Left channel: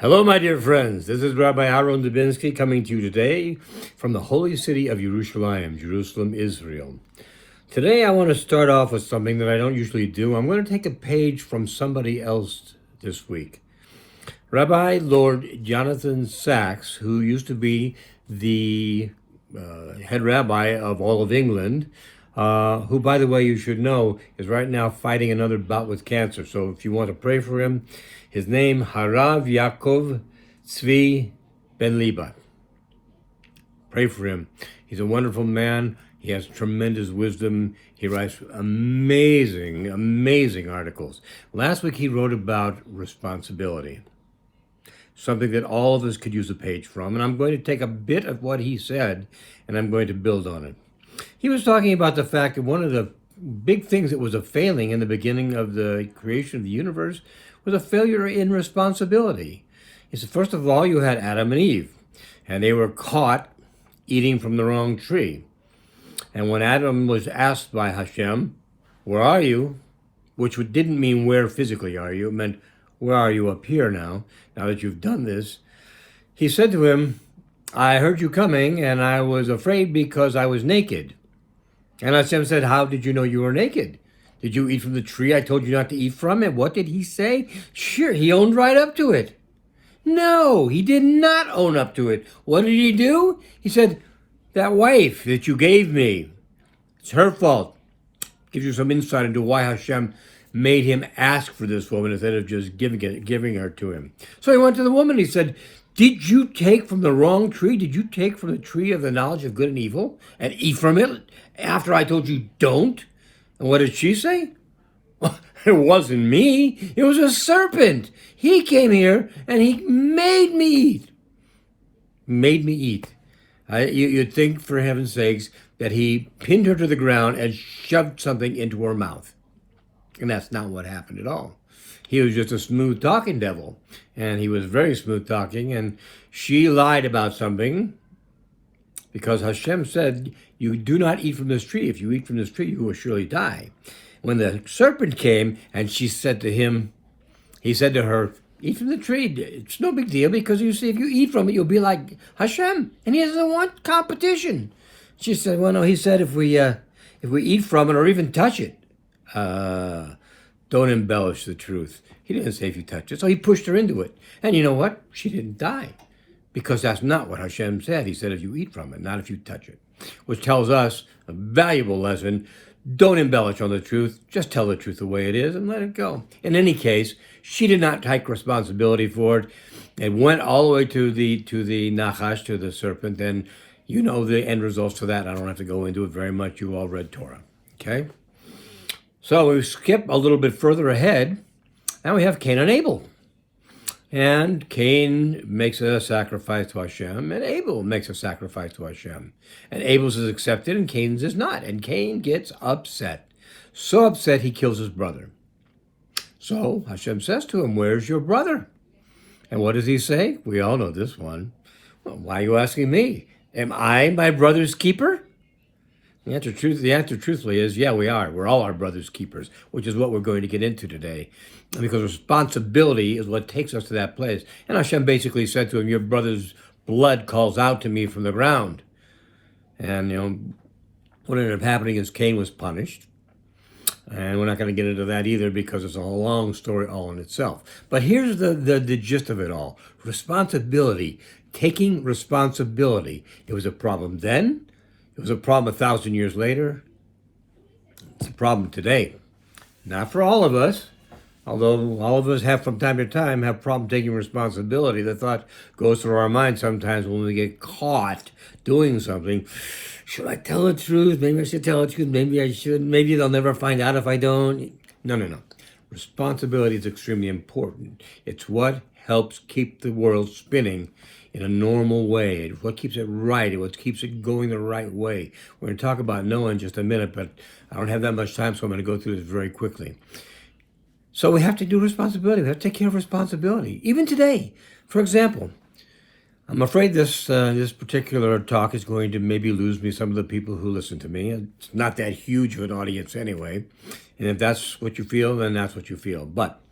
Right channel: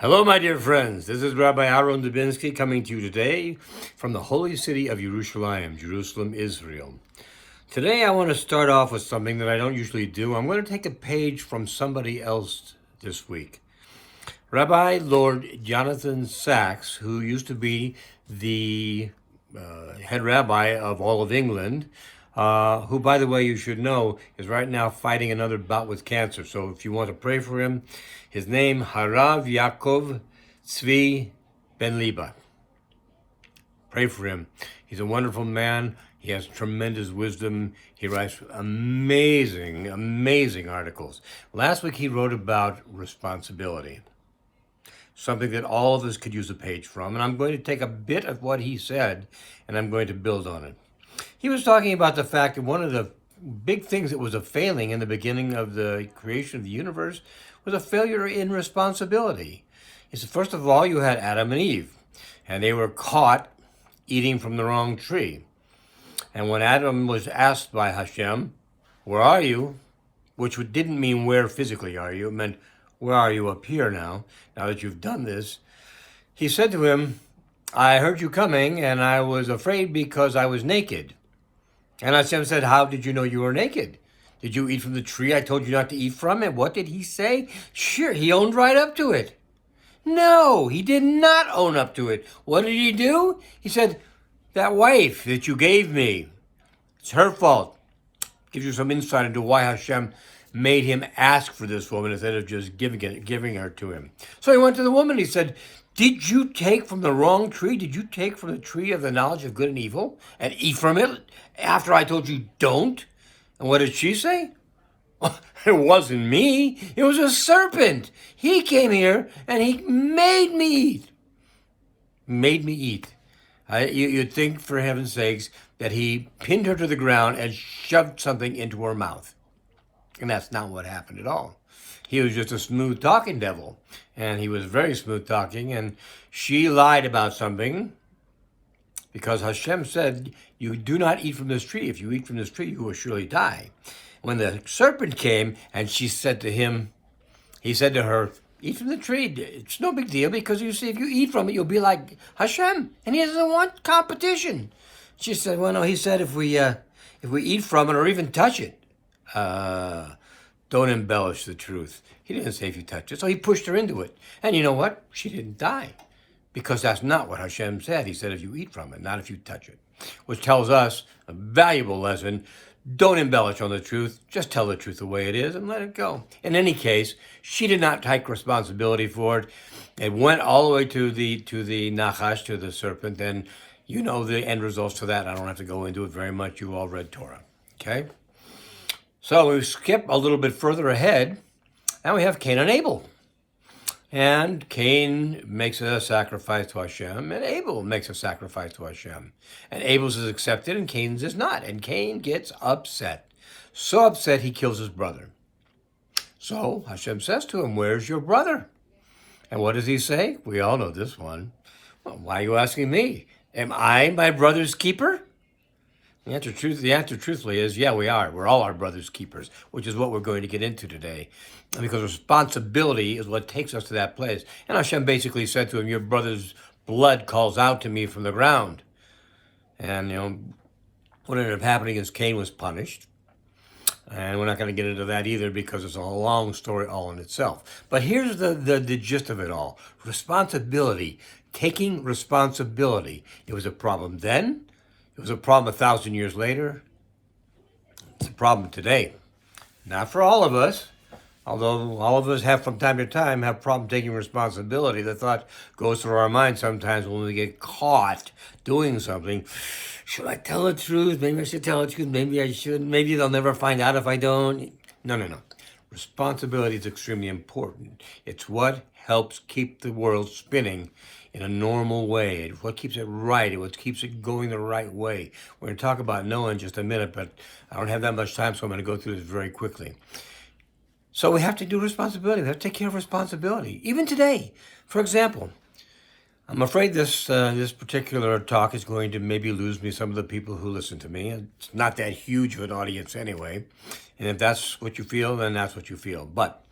Hello, my dear friends. This is Rabbi Aharon Dobinsky coming to you today from the holy city of Jerusalem, Israel. Today, I want to start off with something that I don't usually do. I'm going to take a page from somebody else this week. Rabbi Lord Jonathan Sacks, who used to be the head rabbi of all of England, who, by the way, you should know, is right now fighting another bout with cancer. So if you want to pray for him, his name, Harav Yaakov Tzvi Ben Liba. Pray for him. He's a wonderful man. He has tremendous wisdom. He writes amazing articles. Last week he wrote about responsibility, something that all of us could use a page from. And I'm going to take a bit of what he said and I'm going to build on it. He was talking about the fact that one of the big things that was a failing in the beginning of the creation of the universe was a failure in responsibility. He said, first of all, you had Adam and Eve, and they were caught eating from the wrong tree. And when Adam was asked by Hashem, where are you? Which didn't mean where physically are you, it meant where are you up here now that you've done this? He said to him, I heard you coming, and I was afraid because I was naked. And Hashem said, how did you know you were naked? Did you eat from the tree I told you not to eat from it? What did he say? Sure, he owned right up to it. No, he did not own up to it. What did he do? He said, that wife that you gave me, it's her fault. Gives you some insight into why Hashem made him ask for this woman instead of just giving her to him. So he went to the woman. He said, did you take from the wrong tree? Did you take from the tree of the knowledge of good and evil and eat from it after I told you don't? And what did she say? It wasn't me. It was a serpent. He came here and he made me eat. Made me eat. You'd think, for heaven's sakes, that he pinned her to the ground and shoved something into her mouth. And that's not what happened at all. He was just a smooth-talking devil. And he was very smooth-talking. And she lied about something because Hashem said, you do not eat from this tree. If you eat from this tree, you will surely die. When the serpent came and she said to him, he said to her, eat from the tree. It's no big deal because you see, if you eat from it, you'll be like Hashem. And he doesn't want competition. She said, well, no, he said if we eat from it or even touch it, don't embellish the truth. He didn't say if you touch it. So he pushed her into it. And you know what? She didn't die. Because that's not what Hashem said. He said if you eat from it, not if you touch it. Which tells us a valuable lesson. Don't embellish on the truth. Just tell the truth the way it is and let it go. In any case, she did not take responsibility for it. It went all the way to the Nachash, to the serpent, and you know the end results to that. I don't have to go into it very much. You all read Torah. Okay? So we skip a little bit further ahead. Now we have Cain and Abel. And Cain makes a sacrifice to Hashem, and Abel makes a sacrifice to Hashem. And Abel's is accepted, and Cain's is not. And Cain gets upset. So upset, he kills his brother. So Hashem says to him, where's your brother? And what does he say? We all know this one. Well, why are you asking me? Am I my brother's keeper? The answer truthfully is, yeah, we are. We're all our brother's keepers, which is what we're going to get into today. Because responsibility is what takes us to that place. And Hashem basically said to him, your brother's blood calls out to me from the ground. And, what ended up happening is Cain was punished. And we're not going to get into that either because it's a long story all in itself. But here's the gist of it all. Responsibility, taking responsibility. It was a problem then. It was a problem 1,000 years later. It's a problem today. Not for all of us, although all of us have from time to time have problem taking responsibility. The thought goes through our mind sometimes when we get caught doing something. Should I tell the truth? Maybe I should tell the truth. Maybe I shouldn't. Maybe they'll never find out if I don't. No. Responsibility is extremely important. It's what helps keep the world spinning in a normal way. It's what keeps it right. It's what keeps it going the right way. We're going to talk about Noah in just a minute, but I don't have that much time, so I'm going to go through this very quickly. So we have to do responsibility. We have to take care of responsibility. Even today, for example, I'm afraid this particular talk is going to maybe lose me some of the people who listen to me. It's not that huge of an audience anyway. And if that's what you feel, then that's what you feel. But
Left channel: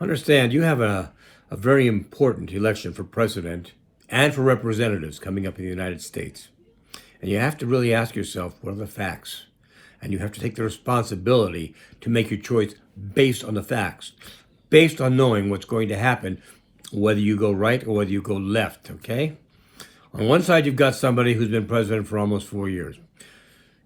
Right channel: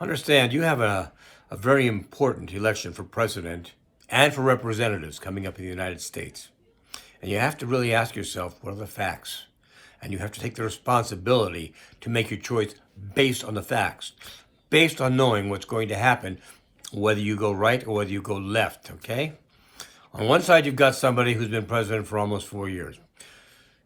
understand, you have a a very important election for president and for representatives coming up in the United States. And you have to really ask yourself, what are the facts? And you have to take the responsibility to make your choice based on the facts, based on knowing what's going to happen, whether you go right or whether you go left, okay? On one side, you've got somebody who's been president for almost 4 years.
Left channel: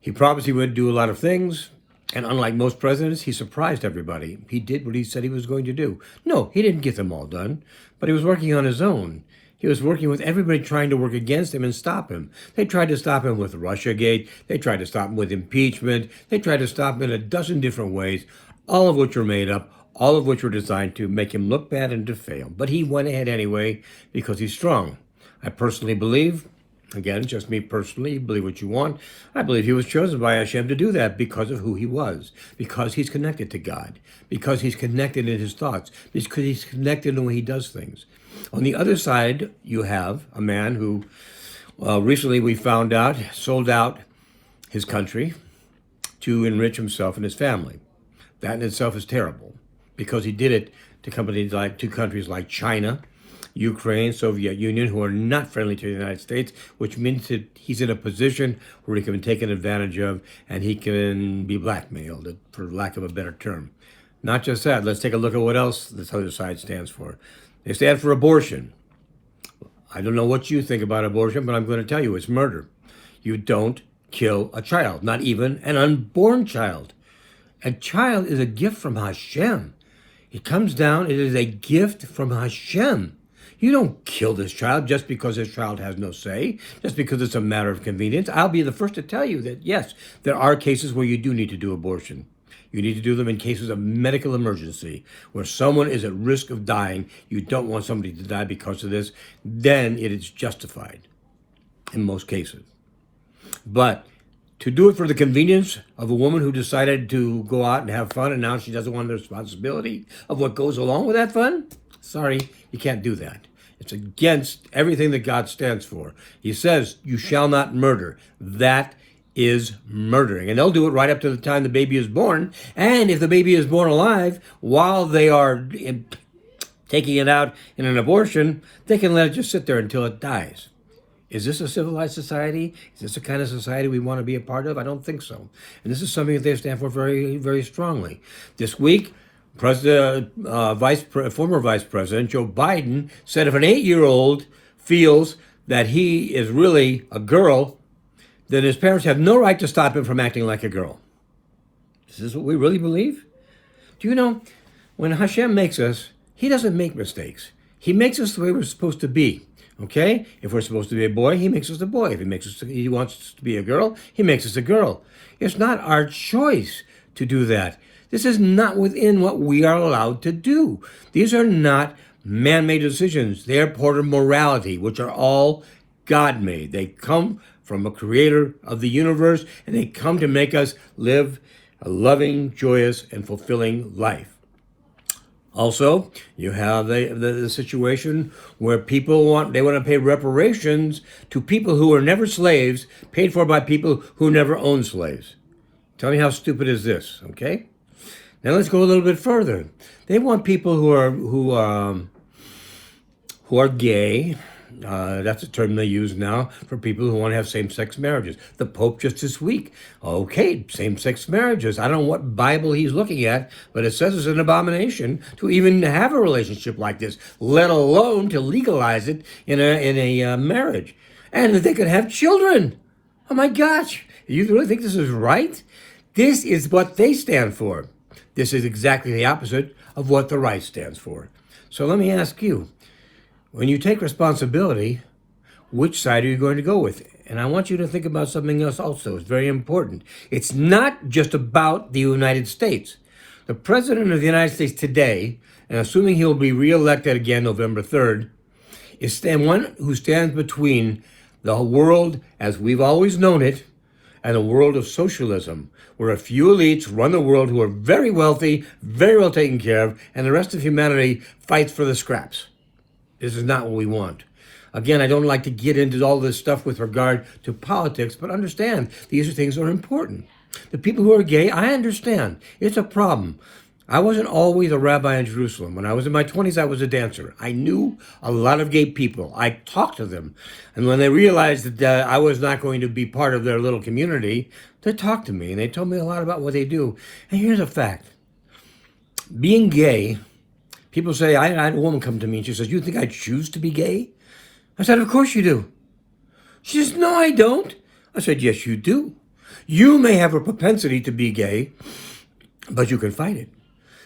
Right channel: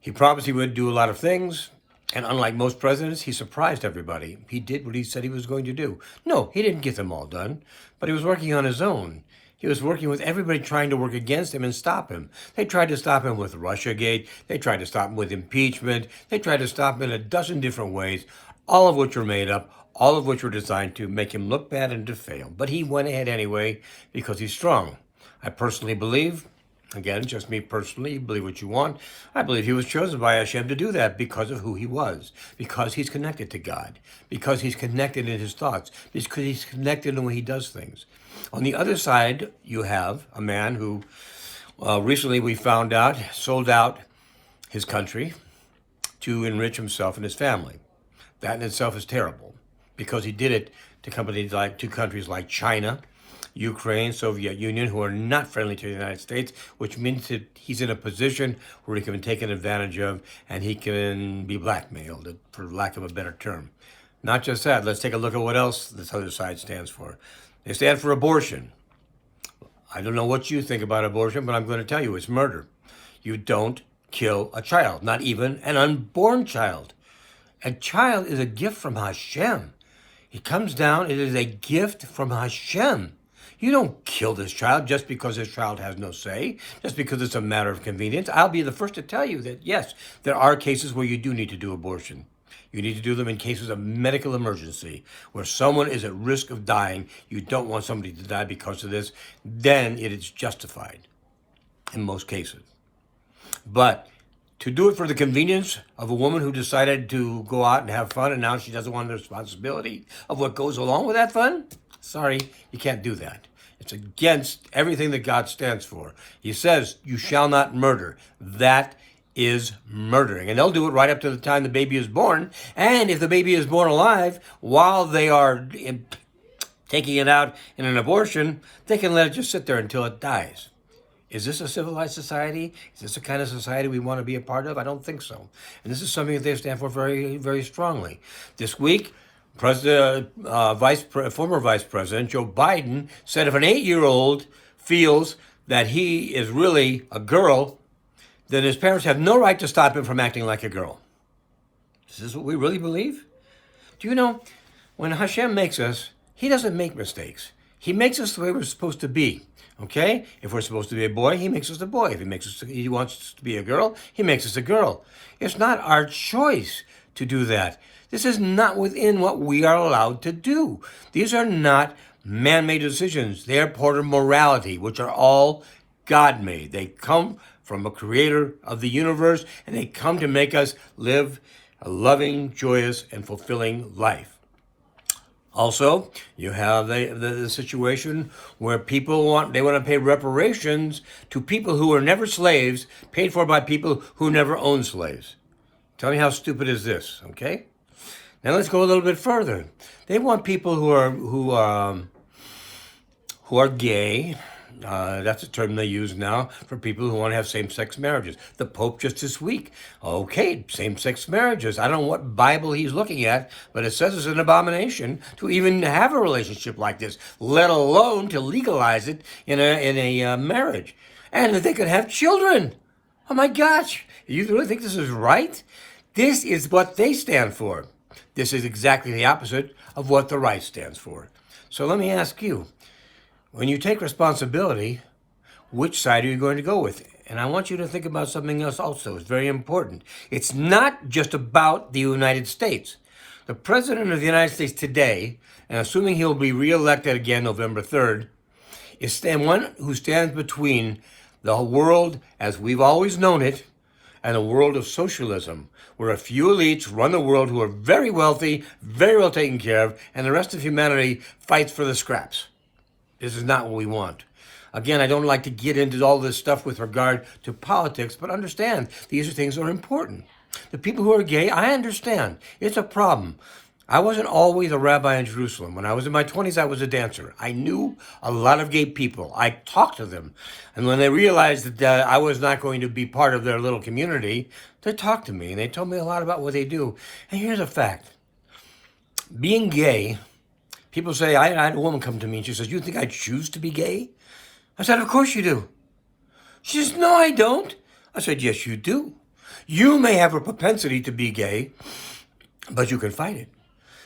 He promised he would do a lot of things, and unlike most presidents, he surprised everybody. He did what he said he was going to do. No, he didn't get them all done, but he was working on his own. He was working with everybody trying to work against him and stop him. They tried to stop him with Russiagate. They tried to stop him with impeachment. They tried to stop him in a dozen different ways, all of which were made up, all of which were designed to make him look bad and to fail. But he went ahead anyway because he's strong. I personally believe, again, just me personally, believe what you want, I believe he was chosen by Hashem to do that because of who he was, because he's connected to God, because he's connected in his thoughts, because he's connected in the way he does things. On the other side, you have a man who recently we found out sold out his country to enrich himself and his family. That in itself is terrible because he did it to countries like China, Ukraine, Soviet Union, who are not friendly to the United States, which means that he's in a position where he can be taken advantage of and he can be blackmailed, for lack of a better term. Not just that, let's take a look at what else this other side stands for. They stand for abortion. I don't know what you think about abortion, but I'm going to tell you it's murder. You don't kill a child, not even an unborn child. A child is a gift from Hashem. It comes down, it is a gift from Hashem. You don't kill this child just because this child has no say, just because it's a matter of convenience. I'll be the first to tell you that, yes, there are cases where you do need to do abortion. You need to do them in cases of medical emergency, where someone is at risk of dying. You don't want somebody to die because of this. Then it is justified in most cases. But to do it for the convenience of a woman who decided to go out and have fun and now she doesn't want the responsibility of what goes along with that fun, sorry, you can't do that. It's against everything that God stands for. He says, you shall not murder. That is murdering. And they'll do it right up to the time the baby is born. And if the baby is born alive, while they are taking it out in an abortion, they can let it just sit there until it dies. Is this a civilized society? Is this the kind of society we want to be a part of? I don't think so. And this is something that they stand for very, very strongly. This week, former Vice President Joe Biden said if an 8-year-old feels that he is really a girl, then his parents have no right to stop him from acting like a girl. Is this what we really believe? Do you know, when Hashem makes us, he doesn't make mistakes. He makes us the way we're supposed to be. Okay? If we're supposed to be a boy, he makes us a boy. If he wants us to be a girl, he makes us a girl. It's not our choice to do that. This is not within what we are allowed to do. These are not man-made decisions. They are part of morality, which are all God-made. They come from a creator of the universe, and they come to make us live a loving, joyous, and fulfilling life. Also, you have the situation where people want to pay reparations to people who were never slaves, paid for by people who never owned slaves. Tell me how stupid is this, okay? Now let's go a little bit further. They want people who are gay. That's a term they use now for people who want to have same-sex marriages. The Pope just this week, okay, same-sex marriages. I don't know what Bible he's looking at, but it says it's an abomination to even have a relationship like this, let alone to legalize it in a marriage. And that they could have children. Oh my gosh, you really think this is right? This is what they stand for. This is exactly the opposite of what the right stands for. So let me ask you, when you take responsibility, which side are you going to go with? And I want you to think about something else also. It's very important. It's not just about the United States. The President of the United States today, and assuming he'll be reelected again November 3rd, is one who stands between the world as we've always known it and a world of socialism, where a few elites run the world who are very wealthy, very well taken care of, and the rest of humanity fights for the scraps. This is not what we want. Again, I don't like to get into all this stuff with regard to politics, but understand, these are things that are important. The people who are gay, I understand. It's a problem. I wasn't always a rabbi in Jerusalem. When I was in my 20s, I was a dancer. I knew a lot of gay people. I talked to them. And when they realized that I was not going to be part of their little community, they talked to me and they told me a lot about what they do. And here's a fact. Being gay, people say, I had a woman come to me and she says, "You think I choose to be gay?" I said, "Of course you do." She says, "No, I don't." I said, "Yes, you do. You may have a propensity to be gay, but you can fight it.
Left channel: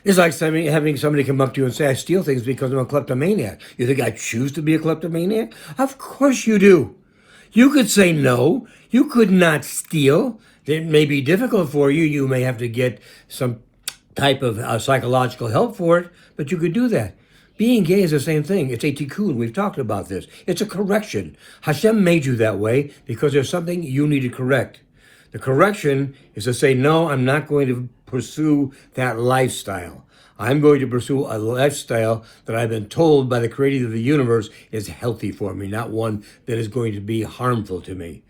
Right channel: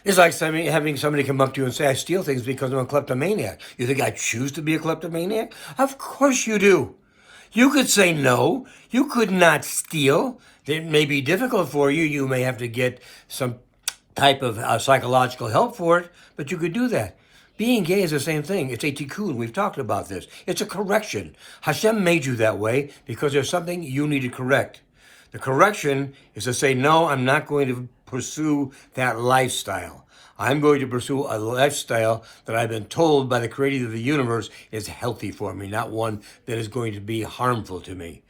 It's like having somebody come up to you and say, "I steal things because I'm a kleptomaniac." You think I choose to be a kleptomaniac? Of course you do. You could say no. You could not steal. It may be difficult for you. You may have to get some type of psychological help for it, but you could do that. Being gay is the same thing. It's a tikkun. We've talked about this. It's a correction. Hashem made you that way because there's something you need to correct. The correction is to say, no, I'm not going to pursue that lifestyle. I'm going to pursue a lifestyle that I've been told by the creator of the universe is healthy for me, not one that is going to be harmful to me.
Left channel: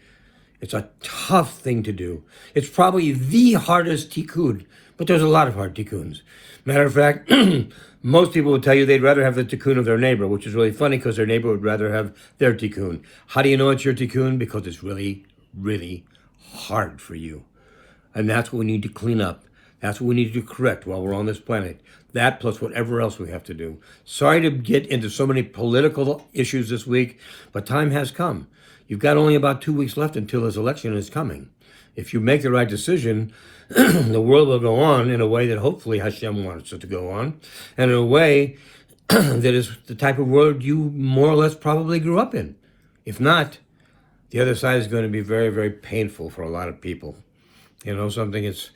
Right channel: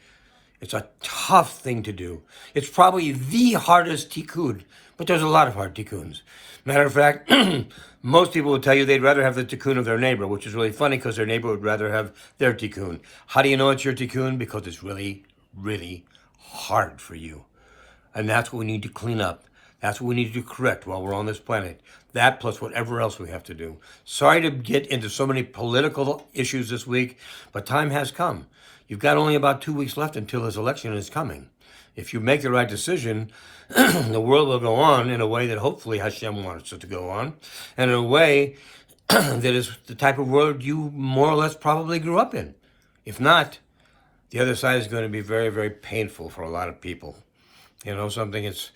It's a tough thing to do. It's probably the hardest tikkun, but there's a lot of hard tikkuns. Matter of fact, most people would tell you they'd rather have the tikkun of their neighbor, which is really funny because their neighbor would rather have their tikkun. How do you know it's your tikkun? Because it's really, really hard for you. And that's what we need to clean up. That's what we need to correct while we're on this planet. That plus whatever else we have to do. Sorry to get into so many political issues this week, but time has come. You've got only about 2 weeks left until this election is coming. If you make the right decision, the world will go on in a way that hopefully Hashem wants it to go on, and in a way that is the type of world you more or less probably grew up in. If not, the other side is going to be very, very painful for a lot of people. You know, it's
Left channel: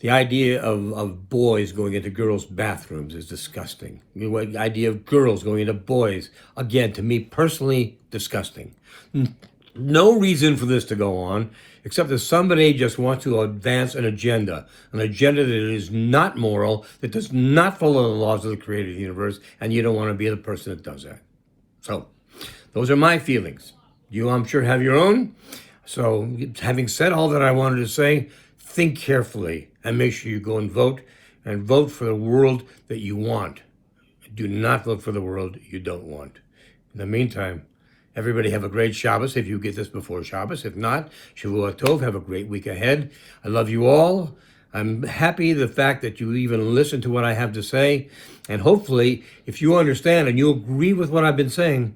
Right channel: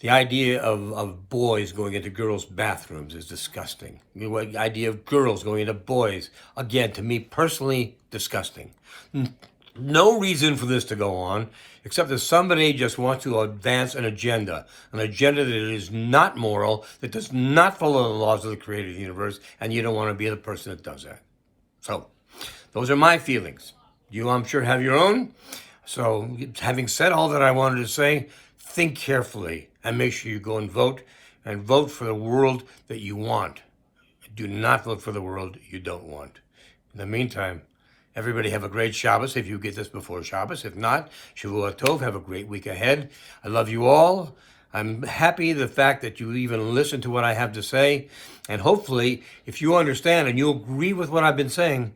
the idea of boys going into girls' bathrooms is disgusting. The idea of girls going into boys, again, to me personally, disgusting. No reason for this to go on, except that somebody just wants to advance an agenda that is not moral, that does not follow the laws of the creator of the universe, and you don't want to be the person that does that. So, those are my feelings. You, I'm sure, have your own. So, having said all that I wanted to say, think carefully and make sure you go and vote for the world that you want. Do not vote for the world you don't want. In the meantime, everybody have a great Shabbos if you get this before Shabbos. If not, Shavua Tov, have a great week ahead. I love you all. I'm happy the fact that you even listen to what I have to say. And hopefully, if you understand and you agree with what I've been saying,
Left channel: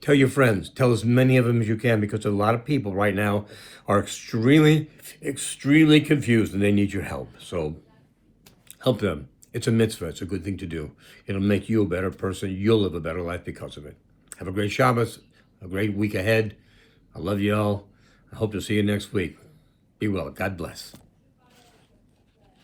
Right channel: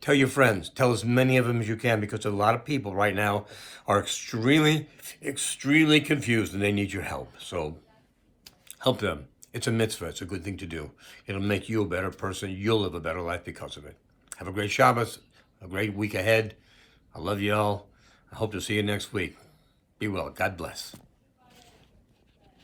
tell your friends. Tell as many of them as you can, because a lot of people right now are extremely, extremely confused and they need your help. So help them. It's a mitzvah. It's a good thing to do. It'll make you a better person. You'll live a better life because of it. Have a great Shabbos, a great week ahead. I love you all. I hope to see you next week. Be well. God bless.